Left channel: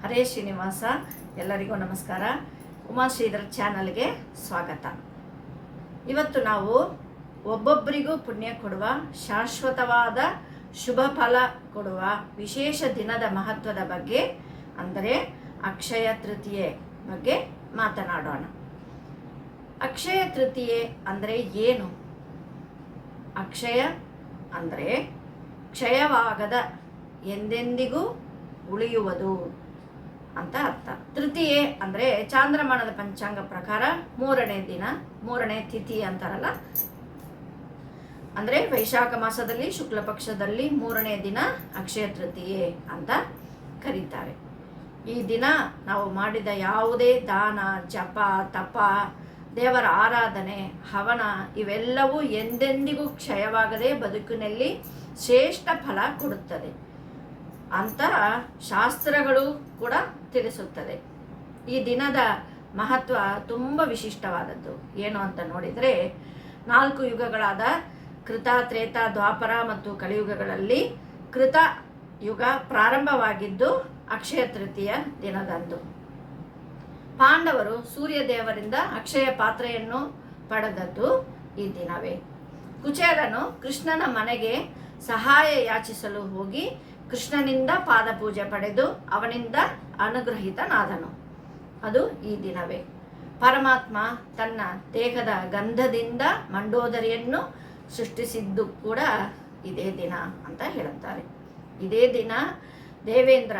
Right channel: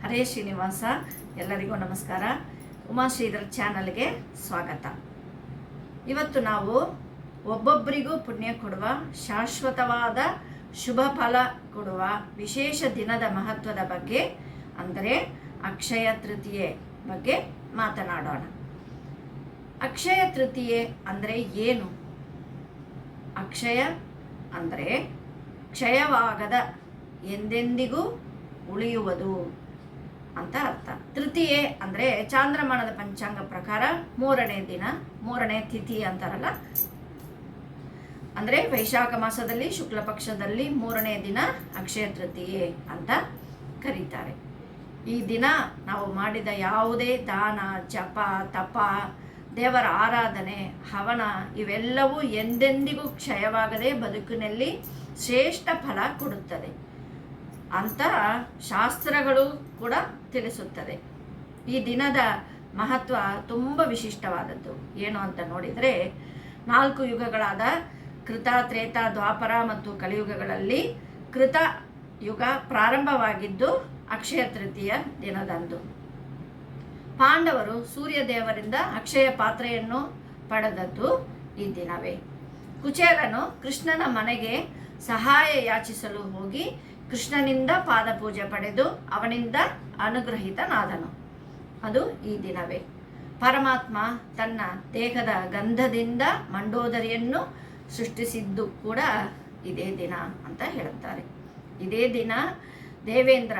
ಹರೇ ಶ್ರೀನಿವಾಸ ಎಲ್ಲರಿಗೂ ನಮಸ್ಕಾರ. ಉಮಾಶ್ರೀಧರ್ ಚಾನಲ್ಗೆ ಸ್ವಾಗತ. ಇವತ್ತು ನಾವು ಒಬ್ಬೊಬ್ಬರಿಗೂ ಪುಣ್ಯ ಕೊಡುವ, ಶಾಶ್ವತವಾದ ಶುಭ ಫಲ ಕೊಡುವ ವಿಶೇಷ ದಿನದ ಮಹತ್ವದ ಬಗ್ಗೆ, ಅಂದರೆ ಅಕ್ಷಯ ತೃತೀಯೆ ಬಗ್ಗೆ ಮಾತನಾಡೋಣ. ಅಕ್ಷಯ ತೃತೀಯೆ ಅಂದರೆ ಏನು? ಅಕ್ಷಯ ಅಂದರೆ ಕ್ಷಯವಾಗದ ಎಂದೆಂದಿಗೂ ಉಳಿಯುವುದು. ಅಂತ ಅರ್ಥ. ತೃತೀಯೆ ಅಂದರೆ ಚಾಂದ್ರಮಾನದ ಪಂಚಾಂಗ ಪ್ರಕಾರ ಮೂರನೇ ದಿನ, ಮೂರನೇ ತಿಥಿ ಅಂತಾರಲ್ಲ? ಅಂದರೆ ವೈಶಾಖ ಮಾಸದಲ್ಲಿ, ಶುಕ್ಲ ಪಕ್ಷದಲ್ಲಿ ಮೂರನೇ ದಿನ ಅಕ್ಷಯ ತೃತೀಯೆ ಅಂತ ಕರೀತಾರೆ. ಈ ದಿನ ನಾವು ಮಾಡಿದ ಯಾವುದೇ ದಾನ, ಜಪ, ತಪ, ದೇವರ ಆರಾಧನೆ, ಹವನ ಇವೆಲ್ಲವೂ ಎಂದೆಂದಿಗೂ ಕ್ಷಯವಾಗದೆ ಬದುಕಿನಲ್ಲಿ ಶ್ರೇಷ್ಠ ಫಲ ಕೊಡುತ್ತದೆ. ಅಂತ ಶಾಸ್ತ್ರಗಳು ಕೂಡ ತಿಳಿಸುತ್ತದೆ. ಈ ದಿನದ ಮಹತ್ವ ತುಂಬ ವಿಶಿಷ್ಟವಾದದ್ದು. ಏನು ಅಂತ ನೋಡಿದರೆ, ನಾಲ್ಕು ಯುಗಗಳಾದ ಕೃತ, ತ್ರೇತ, ದ್ವಾಪರ ಮತ್ತು ಕಲಿಯುಗಗಳಲ್ಲಿ ಕೃತ ಯುಗ ಪ್ರಾರಂಭವಾಗಿದ್ದು ಅಕ್ಷಯ ತೃತೀಯ ದಿನದಂದು. ಪಾಂಡವರು ಸೂರ್ಯ ದೇವರಿಂದ ಅಕ್ಷಯ ಪಾತ್ರೆಯನ್ನು ಪಡೆದದ್ದು ಈ ದಿನವೇ. ಕುಚೇರನು ಕೃಷ್ಣನ ಮನೆಗೆ ಸಹಾಯ ಯಾಚಿಸಲು ಹೋಗಿ ಕೃಷ್ಣನಿಂದ ಪಾದಪೂಜೆ ಪಡೆದು ಅವನಿಂದ ಅನುಗ್ರಹಿತನಾದನು. ಅದು ಈ ದಿನವೇ. ಪರಮಾತ್ಮ ತನ್ನ ದೇಹದ ಗಂಧದಿಂದ ಮಂಡೋದರಿಯನ್ನು ಸೃಷ್ಟಿಸಿದ್ದು ಕೂಡ ಇದೇ ದಿನ ಅಂತ ಹೇಳುತ್ತಾರೆ. ಇದೇ ದಿನ ದೇವೇಂದ್ರ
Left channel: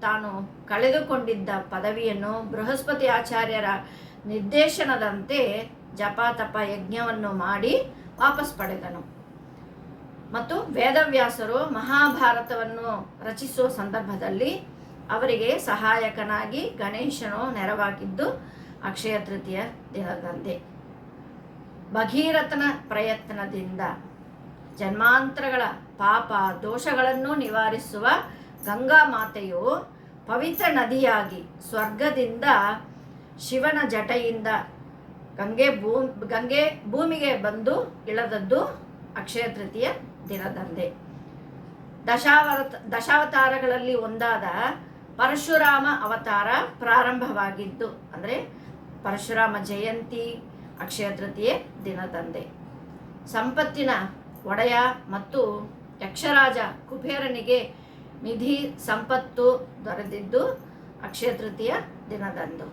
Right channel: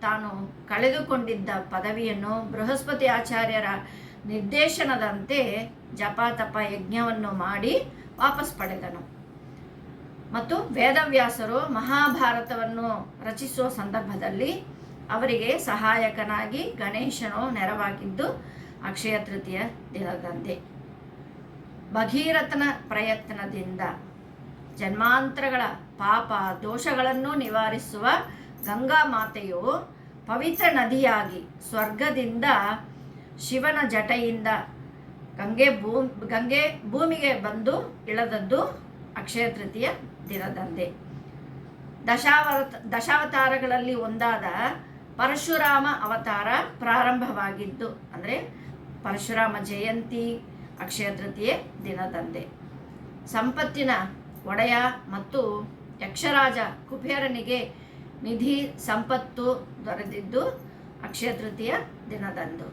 ತಾನು ಕಳೆದುಕೊಂಡಿದ್ದ ಪದವಿಯನ್ನು ಬೃಹಸ್ಪತಿ ಆಚಾರ್ಯರ ನಿರ್ದೇಶನದಂತೆ ಜಪ ತಪ ಯಜ್ಞವನ್ನು ಮಾಡಿ ವಾಪಸ್ ಪಡೆದನು. ಮತ್ತು ವೇದವ್ಯಾಸರು ಮಹಾಭಾರತವನ್ನು ರಚಿಸುವ ಸಂದರ್ಭದಲ್ಲಿ ಅವರಿಗೆ ಸಹಾಯಕನಾಗಿ ಗಣೇಶನು ನೆರವಾಗಿದ್ದು ಅಕ್ಷಯ ತೃತೀಯ ದಿನದಂದೇ ಭಗೀರಥನ ಪ್ರಯತ್ನದಿಂದ ಜನ್ಮಾಂತರಗಳ ಪಾಪ ದೋಷಗಳನ್ನು ನಿವಾರಿಸುವ ಗಂಗಾ ಮಾತೆಯು ಪವಿತ್ರ ನದಿಯಾಗಿ ಸ್ವರ್ಗದಿಂದ ಶಿವನ ಜಟೆಯಿಂದ ಗಂಗೆ ಭೂ, ಗಂಗೆ ಭೂಮಿಗೆ ಬಂದು ಇಳದದ್ದು ಅಕ್ಷಯ ತೃತೀಯ ದಿನದಂದೇ. ದಶಾವತ, ದಶಾವತಾರಗಳಲ್ಲಿ ಒಂದಾದ ಪರಶುರಾಮ ಅವತಾರ ಪ್ರಾರಂಭವಾಗಿದ್ದು, ಅಂದರೆ ಪರಶುರಾಮ ಜಯಂತಿ ಅಕ್ಷಯ ತೃತೀಯ ದಿನದಂದೇ. ಸಂಪತ್ತಿನ ಒಡೆಯ ಮತ್ತು ಯಕ್ಷರಾಜ ಕುಬೇರನಿಗೆ ನಿಧಿ ಸಂಪತ್ತು ದೊರೆದಿದ್ದು ಅಕ್ಷಯ ತೃತೀಯ ದಿನದಂದು.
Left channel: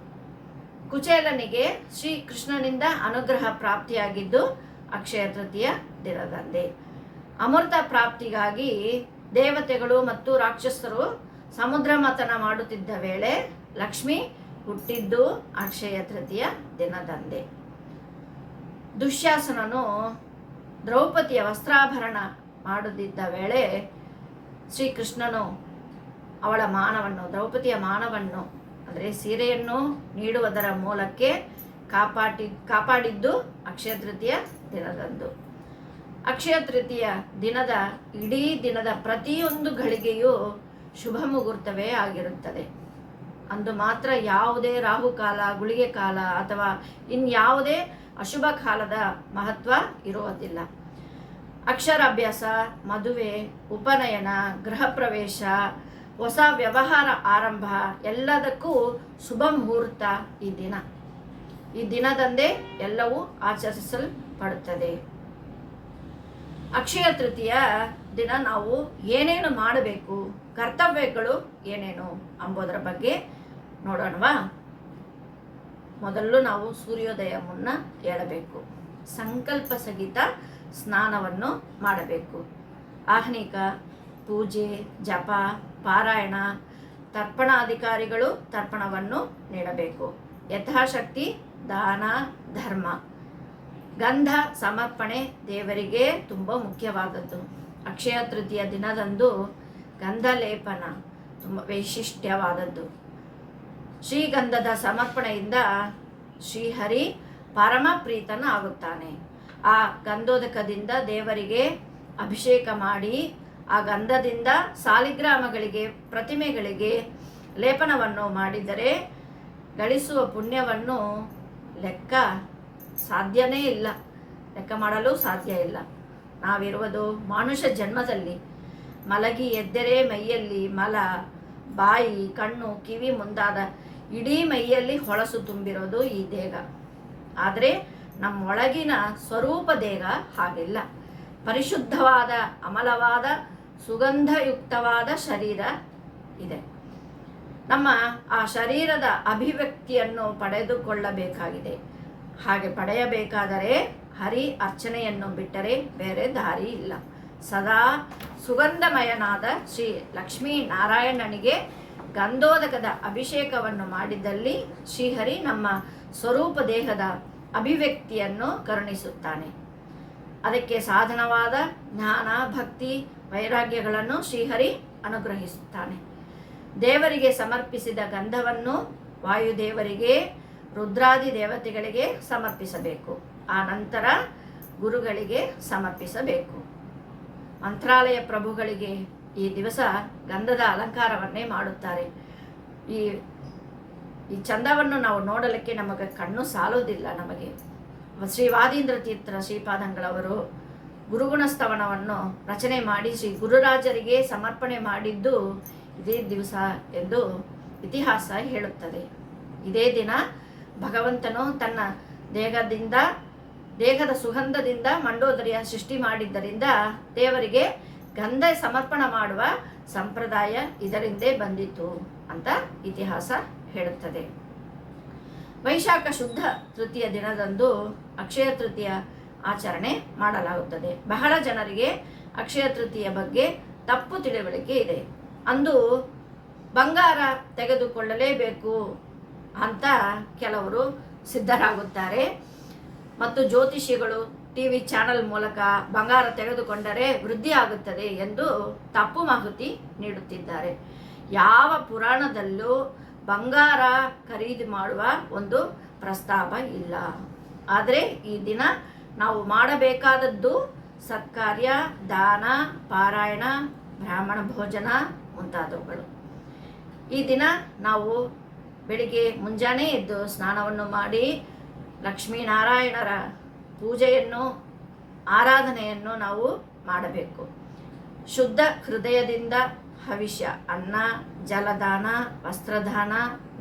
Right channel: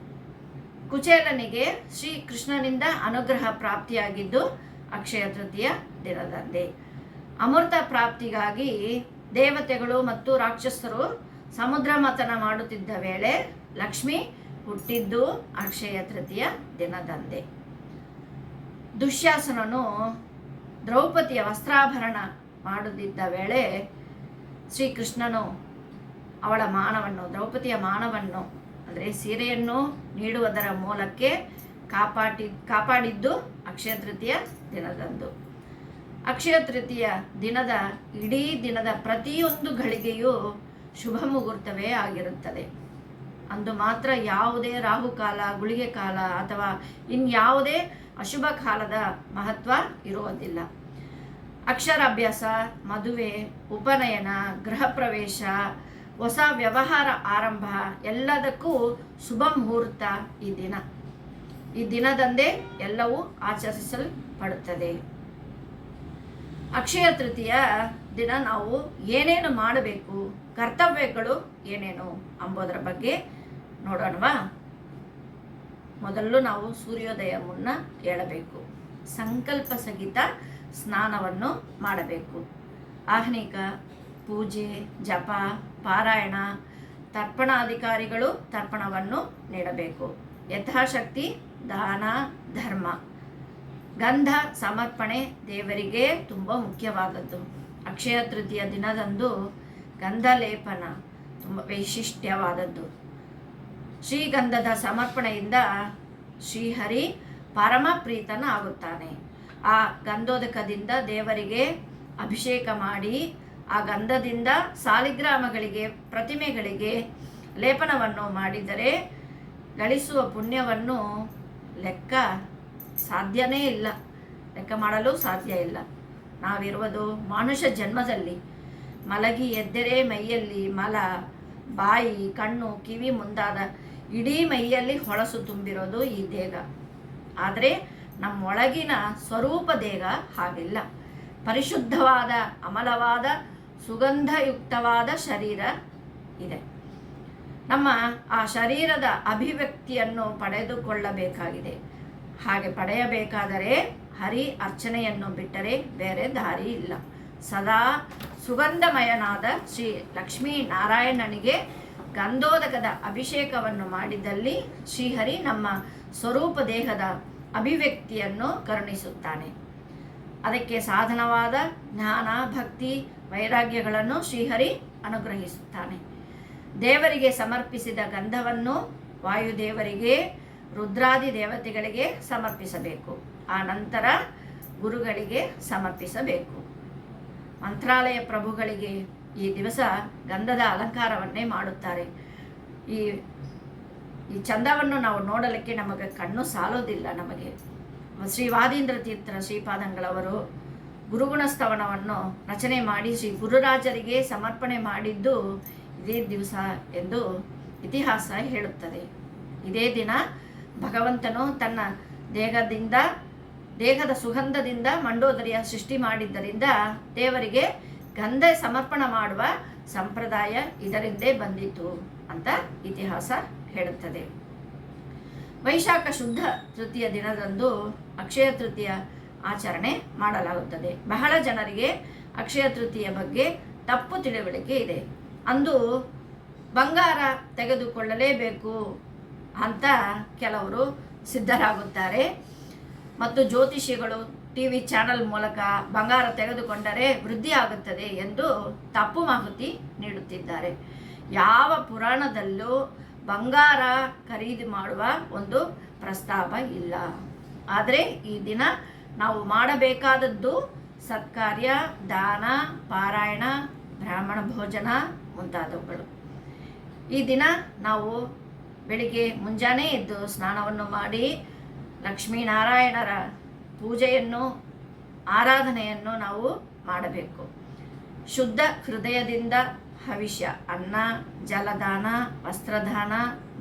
ಕುಚೇಲನಿಗೆ ಶ್ರೀ ಕೃಷ್ಣನಿಂದ ಅನುಗ್ರಹ ಪ್ರಾಪ್ತಿಯಾಗಿದ್ದು ಅಕ್ಷಯ ತೃತೀಯ ದಿನದಂದೇ. ಅಮೃತ ಪ್ರಾಪ್ತಿಗಾಗಿ ದೇವತೆಗಳು ಮತ್ತು ರಾಕ್ಷಸರು ಸಮುದ್ರ ಮಥನ ಮಾಡುತ್ತಿದ್ದ ವೇಳೆ ಲಕ್ಷ್ಮಿ ಹುಟ್ಟಿದ್ದು ಅಕ್ಷಯ ತೃತೀಯ ದಿನದಂದೇ. ದುಶ್ಯಾಸನನು ದ್ರೌಪದಿಯ ವಸ್ತ್ರಾಭರಣ ಮಾಡುತ್ತಿದ್ದ ವೇಳೆ ಶ್ರೀಕೃಷ್ಣನು ಅವಳ ಮಾನವನ್ನು, ದ್ರೌಪದಿಯ ಮಾನವನ್ನು, ಅಂದರೆ ಸೀರೆಯನ್ನು ನೀಡುವುದರ ಮೂಲಕ್ಕೆ ಕಾಪಾಡಿ ಕಾಪಾಡಿದ್ದು ಅಕ್ಷಯ ತೃತೀಯ ದಿನದಂದು. ಅಕ್ಷಯ ತೃತೀಯ ದಿನದ ಇಡೀ ದಿನದ ಪ್ರತಿಯೊಂದು ಘಳಿಗೆಯೂ ಶುಭ ಮುಹೂರ್ತವೇ ಆಗಿರುತ್ತದೆ. ಅಂದು ಮಾತ್ರ ಯಾವುದೇ ರಾಹುಕಾಲ ಗುಳಿಗೆ ಕಾಲ ಅಥವಾ ಇನ್ಯಾವುದೇ ಅಶುಭ ಕಾಲದ ಮಹತ್ವ ಇರುವುದಿಲ್ಲ. ಅಕ್ಷರಾಭ್ಯಾಸ, ಮದುವೆ, ಉಪನಯನ, ಗೃಹ ಪ್ರವೇಶ, ಹೊಸ ವ್ಯವಹಾರ ಆರಂಭ ಎಲ್ಲದಕ್ಕೂ ಶುಭ ಮುಹೂರ್ತ ಈ ದಿನ. ಈ ದಿನದಂದೇ ಎಲ್ಲವೂ ಆಚರಿಸಲ್ಪಡುತ್ತದೆ. ಅಕ್ಷಯ ತೃತೀಯ ದಿನ ನಾವು ಏನೇನು ಮಾಡಬೇಕು? ಕರ್ತವ್ಯಗಳು ಏನೇನು ಅಂಬೋದರ ಬಗ್ಗೆ ನೋಡೋಣವಾ. ಮೊದಲು ನಾವು ಸೂರ್ಯೋದಯ ಮುನ್ನ ಹೇಳಬೇಕು ಸಂಕಲ್ಪ ಸಹಿತ ಸ್ನಾನವನ್ನು ಮಾಡಬೇಕು. ಆಹ್ನಿಕ, ಪೂಜೆ, ಜಪ, ಪಾರಾಯಣ, ತರ್ಪಣಾಧಿಕಾರಿಗಳು ತರ್ಪಣವನ್ನು ನೀಡಬೇಕು. ಯಥಾಶಕ್ತಿ, ದಾನ, ಧರ್ಮ. ಗಂಧ ಸಮರ್ಪಣೆ ದೇವರಿಗೆ ತುಂಬ ಮುಖ್ಯವಾದದ್ದು. ಅಕ್ಷಯ ತೃತೀಯ ದಿನದಂದು ಗಂಧ ಲೇಪನ ತುಂಬ ವೈಶಿಷ್ಟ್ಯವಾದದ್ದು. ಶ್ರೀಗಂಧದ ಸಮರ್ಪಣೆಯಿಂದ ಶ್ರೀಹರಿ ಪರಮ ಪ್ರೀತನ ಆಗುತ್ತಾನೆ. ಆ ಗಂಧೋದಕದಿಂದ ದೇವರಿಗೆ ಅಭಿಷೇಕ ಮಾಡಿ, ಆ ಗಂಧದಿಂದ ಸಾಲಿಗ್ರಾಮಗಳಿಗೆ, ಪ್ರತಿಮೆಗಳಿಗೆ ಲೇಪನವನ್ನು ಮಾಡಿದರೆ ಗಳಿಸುವ ಪುಣ್ಯವನ್ನು ಲೆಕ್ಕ ಸಾಧ್ಯನೇ ಇಲ್ಲ. ಲೆಕ್ಕ ಮಾಡಲು ಸಾಧ್ಯ ಇಲ್ಲ. ನಾವಿರುವುದು ಮನುಷ್ಯ ಜನ್ಮದಲ್ಲಿ. ಮಲಗಿ ಎದ್ದರೆ ಮೈಯಲ್ಲಿ ಮಲ, ಬಾಯಿ, ಕಣ್ಣು, ಕಿವಿ ಮುಂದಾದ ಇಡೀ ಮೈಯಲ್ಲಿ ಹೊಳಸು ತುಂಬಿರೋದು ಈ ದೇಹ. ಆದರೆ ನಮ್ಮೊಳಗಿನ ಸ್ವರೂಪ ದೇಹ ಹಾಗಿಲ್ಲ. ಪರಿಶುದ್ಧವಾದ, ಅಮಲವಾದ, ಸುಗಂಧಯುಕ್ತವಾದ ಶರೀರ ಇದೆ. ನಮ್ಮ ಆ ಶರೀರದ ಅಭಿವ್ಯಕ್ತಿಯನ್ನು ಪಡೆದುಕೊಳ್ಳಬೇಕಾಗಿದೆ. ಹಾಗೆ ಪಡೆಯಬೇಕಾದರೆ ಹರಿ ಅರ್ಚನೆಯನ್ನು ಬಿಟ್ಟರೆ ಬೇರೆ ದಾರಿ ಇಲ್ಲ. ಸದಾ ಸುಗಂಧಮಯನಾದ ಶ್ರೀ ಲಕ್ಷ್ಮೀ ನಾರಾಯಣನಿಗೆ ಗಂಧೋದಕದ ಅಭಿಷೇಕವನ್ನು ಮಾಡಿದಲ್ಲಿ ಶ್ರೀಹರಿ ನಮ್ಮ ಸ್ವರೂಪ ದೇಹದ ಅಭಿವ್ಯಕ್ತಿಯನ್ನು ಕರುಣಿಸುತ್ತಾನೆ. ಅದಕ್ಕೆ ಸಾಧನವಾದ ಜ್ಞಾನ, ಭಕ್ತಿ, ವೈರಾಗ್ಯಗಳನ್ನು ಶ್ರೀಹರಿ ಅನುಗ್ರಹಿಸುತ್ತಾನೆ. ದೇವರಿಗೆ ಸಮರ್ಪಿಸಿದ ಗಂಧವನ್ನು ವಾಯುದೇವರಿಗೆ ರುದ್ರಾದಿ ದೇವತೆಗಳಿಗೆ ಸಮರ್ಪಿಸಬೇಕು. ಆ ನಂತರ ಗುರುಗಳಿಗೆ ಸಮರ್ಪಿಸಬೇಕು. ಮಂತ್ರಾಲಯ ಪ್ರಭುಗಳಿಗೆ ಈ ದಿವಸ ಗಂಧದ ಅಲಂಕಾರವನ್ನೇ ಮಾಡುತ್ತಾರೆ. ಈ ಈ ಚಂದವನ್ನು ನಾವು ನೋಡಲಿಕ್ಕೆ ನಮಗೆ ಕಣ್ಣು ಸಾಲೋದಿಲ್ಲ ನಮಗೆ. ಶ್ರೀ ವಾದೀಂದ್ರ ತೀರ್ಥರ ಶ್ರೀಪಾದಂಗಳವರು ಗುರುಗುಣ ಸ್ತವನವನ್ನು ರಚನೆ ಮಾಡಿ ಶ್ರೀ ಗುರುರಾಜರಿಗೆ ಸಮರ್ಪಣೆ ಮಾಡಿದ್ದು ಇದೇ ದಿವಸ ಎಂದು ಇತಿಹಾಸ ಹೇಳುತ್ತದೆ. ಇದೇ ದಿನ ಭಗವಂತನು ತನ್ನ ದೇಹದಿಂದ, ದೇಹದ ಸುಗಂಧದಿಂದ ಮಂಡೋದರಿಯ ಸೃಷ್ಟಿ ಮಾಡಿದ್ದರಿಂದ ದೇವರಿಗೆ ಗಂಧ ಸಮರ್ಪಣ ಮಾಡುವ ಸಂಪ್ರದಾಯ ಇದರಿಂದೇ ಬಂದಿತು ಅಂತ ಇತಿಹಾಸ ಹೇಳುತ್ತದೆ. ವೈಶಾಖ ಶುದ್ಧ ತೃತೀಯ ದಿನದಂದು ಅಕ್ಷಯ ತೃತೀಯ ಆಚರಣೆ ಮಾಡಲಾಗುತ್ತದೆ. ಬಹಳ ಜನರಿಗೆ ಅಕ್ಷಯ ತೃತೀಯ ಬಗ್ಗೆ ತಪ್ಪು ತಿಳುವಳಿಕೆ ಇದೆ. ಅಂದು ಬಂಗಾರ ತೆಗೆದುಕೊಳ್ಳಲೇಬೇಕು ಅಂತ ಕೆಲವರು ಸಿದ್ಧರಾಗುತ್ತಾರೆ. ಮತ್ತು ಜ್ಯೋತಿಷಿಗಳು ಟಿ ವಿ ಚಾನಲ್ ಮೂಲಕ ಬಂಗಾರ ತೆಗೆದುಕೊಂಡರೆ ವೃದ್ಧಿ ಆಗುತ್ತದೆ ಎಂದು ತಪ್ಪು ಮಾಹಿತಿ ನೀಡುತ್ತಿದ್ದಾರೆ. ಯಾವ ಪುರಾಣದಲ್ಲೂ ಬಂಗಾರ ಖರೀದಿ ಮಾಡುವ ಒಂದು ಪ್ರಸ್ತಾವ ಇಲ್ಲ. ಆದರೆ ಈ ದಿನ ನಾವು ಮಾಡಬೇಕಾದದ್ದು ಸತ್ಕಾರ್ಯ, ದಾನ, ಪಾರಾಯಣ, ಬ್ರಾಹ್ಮಣ ಭೋಜನ ಮುಂತಾದವುಗಳು. ಈ ದಿನ ನಾವು ಬೆಳಿಗ್ಗೆ ಮುಂಜಾನೆ ಎದ್ದು ಸ್ನಾನವನ್ನು ಮಾಡಿ ಲಕ್ಷ್ಮೀನಾರಾಯಣರ ಪೂಜೆಯನ್ನು, ಆರಾಧನೆಯನ್ನು ನಾವು ಮಾಡಬೇಕು. ಶುದ್ಧ ಹೃದಯದಿಂದ ಹವಿಷ್ಯ, ಅನ್ನ, ಜಲದಾನ, ವಸ್ತ್ರದಾನ,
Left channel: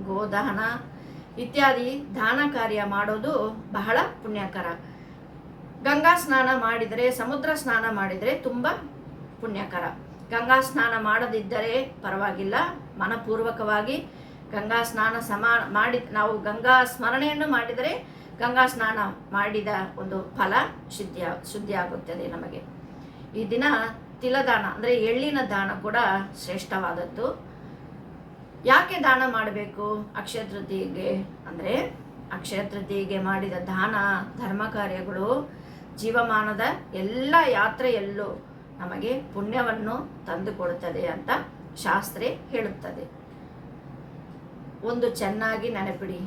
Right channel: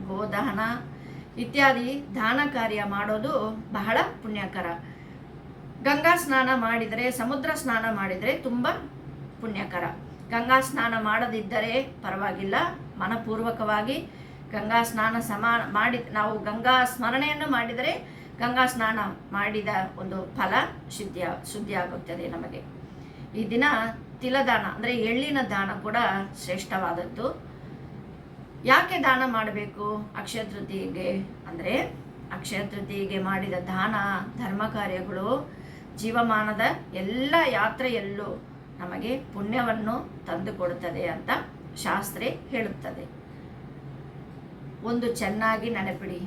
ಗೋದಾನ ಇತ್ಯಾದಿ ದಾನ ಕಾರ್ಯ ಮಾಡೋದು ಬಹಳ ಪುಣ್ಯಕರ. ಗಂಗಾ ಸ್ನಾನ ಮಾಡಿದರೆ, ಸಮುದ್ರ ಸ್ನಾನ ಮಾಡಿದರೆ ತುಂಬ ಪುಣ್ಯಕರ. ಗಂಗಾ ಸ್ನಾನ ಮಾಡದಿದ್ದರೆ ಪರವಾಗಿಲ್ಲ. ಮನಪೂರ್ವಕವಾಗಿ ಗಂಗಾ ಸ್ನಾನ ಸಮಾ ಮಾಡಿ ನಾವು ಗಂಗಾ ಸ್ಮರಣೆಯನ್ನು ಮಾಡಿದರೆ ಗಂಗಾ ಸ್ನಾನ ಮಾಡಿದ ಒಂದು ಫಲ ಶುದ್ಧಿ ಆಗುತ್ತದೆ ನಮಗೆ. ಈ ದಿನ ತಿಲದಾನ ಅಂದರೆ ಎಳ್ಳಿನ ದಾನ ಕೂಡ ಶ್ರೇಷ್ಠವಾದದ್ದು. ಯಾಕೆ ದಾನ ಮಾಡಬೇಕು? ಅಕ್ಷಯ ತೃತೀಯಗೆ ಅಂದರೆ ಅಕ್ಷಯ ತೃತೀಯಗೆ ಮಾಡಿದ ದಾನ, ಧರ್ಮ ಕಾರ್ಯಗಳು, ಜೀವಮಾನದ ಎಲ್ಲ ಯಾತ್ರೆಯಲ್ಲೂ ನಮಗೆ ಪುಣ್ಯವನ್ನು ತಂದುಕೊಡುತ್ತದೆ ಅಂತ ಶಾಸ್ತ್ರೆ ಹೇಳುತ್ತದೆ. ಒಂದು ಚೆನ್ನಾಗಿ ನೆನಪಿಡಿ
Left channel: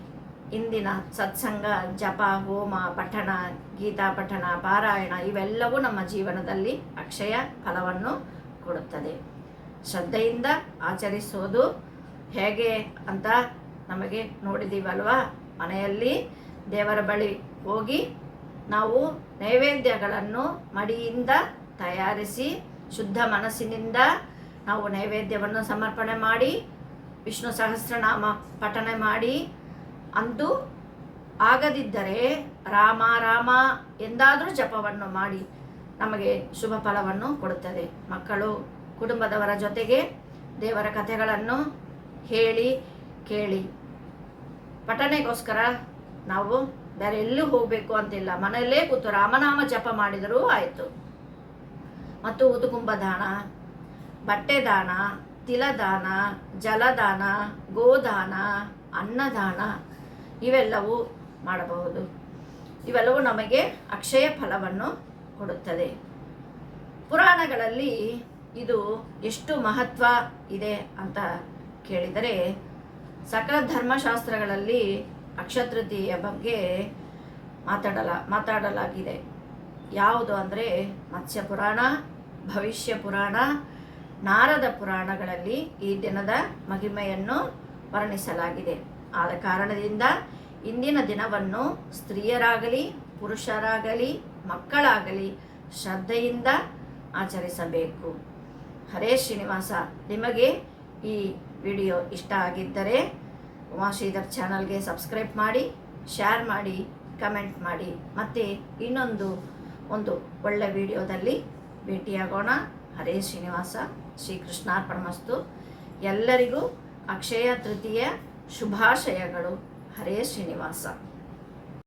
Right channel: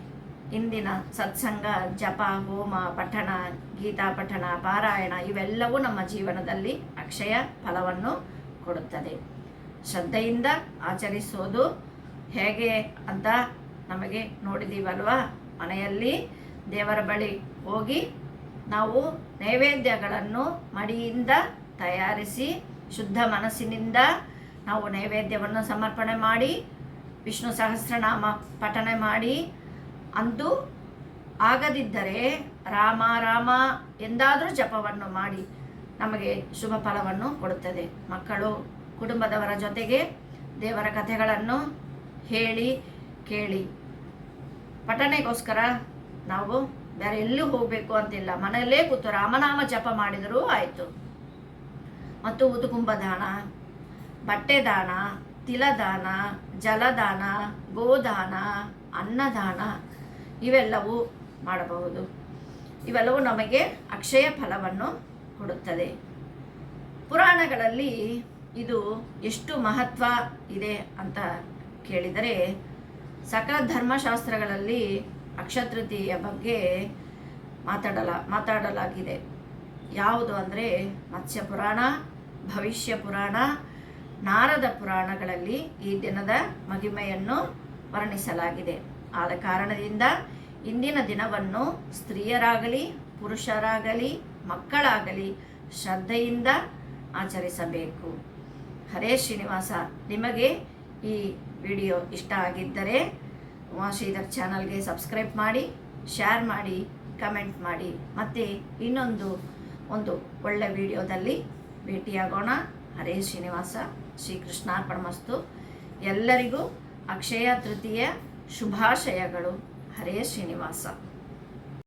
ಇಂದಿನ ಸತ್ಸಂಗ, ಜಪ, ಹೋಮ, ಪಠಣ, ಗೀತಾ ಪಠಣ, ಪಾರಾಯಣ ಇವೆಲ್ಲವೂ ನಮ್ಮ ಜೀವನದಲ್ಲಿ ಅಕ್ಷಯ ಫಲವನ್ನು ಕೊಡುತ್ತದೆ. ಶ್ರದ್ಧೆಯಿಂದ ಆಚರಿಸೋದು ಹೇಗೆ ಅಂತ ನಮಗೆ ನೋಡಿದೀವಲ್ವಾ? ಮನೆಯಲ್ಲಿ ದೇವರ ಬಳಿ ಹೋಗಿ ನಾವು ನೈವೇದ್ಯಗಳನ್ನು ಮಡಿಯಿಂದ ತಯಾರಿಸಿ, ಶುದ್ಧ ಮನಸ್ಸಿನಿಂದ ನಾವು ನೈವೇದ್ಯವನ್ನು ಸಮರ್ಪಣೆ ಮಾಡಿ ವಿಷ್ಣು ಸಹಸ್ರನಾಮ ಪಠನೆ ಮಾಡಿ ಅಂತೂ ಆಗದಿದ್ದರೆ ರಾಮ ರಾಮ ಎಂದಾದರೂ ಜಪವನ್ನು ಮಾಡಿ ನಮಗೆ ಶುಭ ಫಲವನ್ನು ಕೊಡುತ್ತದೆ. ಮಕ್ಕಳು, ಕುಟುಂಬದವರ ಜೊತೆಗೆ ದೇವರ ಕಥೆಗಳನ್ನು ಹೇಳಿ, ಕೇಳಿ. ಪಠನೆಗೋಸ್ಕರ ನಾವು ಬೇರೆ ಎಲ್ಲೂ ಹೋಗಬೇಕು ಅಂತಿಲ್ಲ. ಮನೆಯಲ್ಲೇ ಕೂತು ರಾಮನಾಮ ಜಪ ಮಾಡಿದರೂ ಆಯಿತು. ಮತ್ತು ಉದುಕುಂಬ ದಾನ ಬಟ್ಟೆ ದಾನ ತಿಲದಾನ, ಜಲದಾನ, ಗೋದಾನ, ಅನ್ನದಾನ ಇವೆಲ್ಲವೂ ಮಾಡಬಹುದು. ಇವೆಲ್ಲವೂ ನಮಗೆ ಅಕ್ಷಯ ಫಲವನ್ನು ಕೊಡುತ್ತದೆ. ಪುರಾಣಗಳಲ್ಲಿ ಇದು ಎಷ್ಟು ಮಹತ್ವ ಇದೆ ಅಂತ ಕೇಳಿದರೆ, ಸಕಲ ಧರ್ಮಶಾಸ್ತ್ರಗಳಲ್ಲಿ ಅಕ್ಷತೃತೀಯ ಬಗ್ಗೆ ಮಾತಾಡಲ, ಮಾತಾಡಲಾಗಿದೆ. ಯಾವುದು ಅಂದರೆ ಮತ್ಸ್ಯ ಪುರಾಣ ಭವಿಷ್ಯ ಪುರಾಣ ನಾರದ ಪುರಾಣಗಳಲ್ಲಿ ಈ ದಿನದ ಮಹಿಮೆಯನ್ನು ವರ್ಣಿಸಲಾಗಿದೆ. ಆದ ಕಾರಣದಿಂದ ಇಂದಿನ ದಿನವನ್ನು ಸ್ತ್ರೀಯರಾಗಲಿ, ಪುರುಷರಾಗಲಿ, ಮಕ್ಕಳಾಗಲಿ ಶ್ರದ್ಧೆಯಿಂದ ಆಚರಿಸಬೇಕು. ಹರೇ ಶ್ರೀನಿವಾಸ, ನಿಮಗೆ ಈ ವಿಡಿಯೋ ಇಷ್ಟ ಆಗಿದ್ದರೆ ವಾಶೀಧರ್ ಚಾನಲ್ಗೆ ಸಬ್ಸ್ಕ್ರೈಬ್ ಮಾಡಿ, ಶೇರ್ ಮಾಡಿ, ಕಮೆಂಟ್ ಮಾಡಿ. ಮತ್ತು ಇನ್ನೊಂದು, ಒಂದು ಒಳ್ಳೆ ವಿಡಿಯೋದಲ್ಲಿ ಭೇಟಿಯಾಗೋಣ. ಹರೇ ಶ್ರೀನಿವಾಸ. ಶ್ರೀಕೃಷ್ಣಾರ್ಪಣಮಸ್ತು ಎಲ್ಲರಿಗೂ ಅಕ್ಷಯ ತೃತೀಯ ಶುಭಾಶಯಗಳು. ಹರೇ ಶ್ರೀನಿವಾಸ.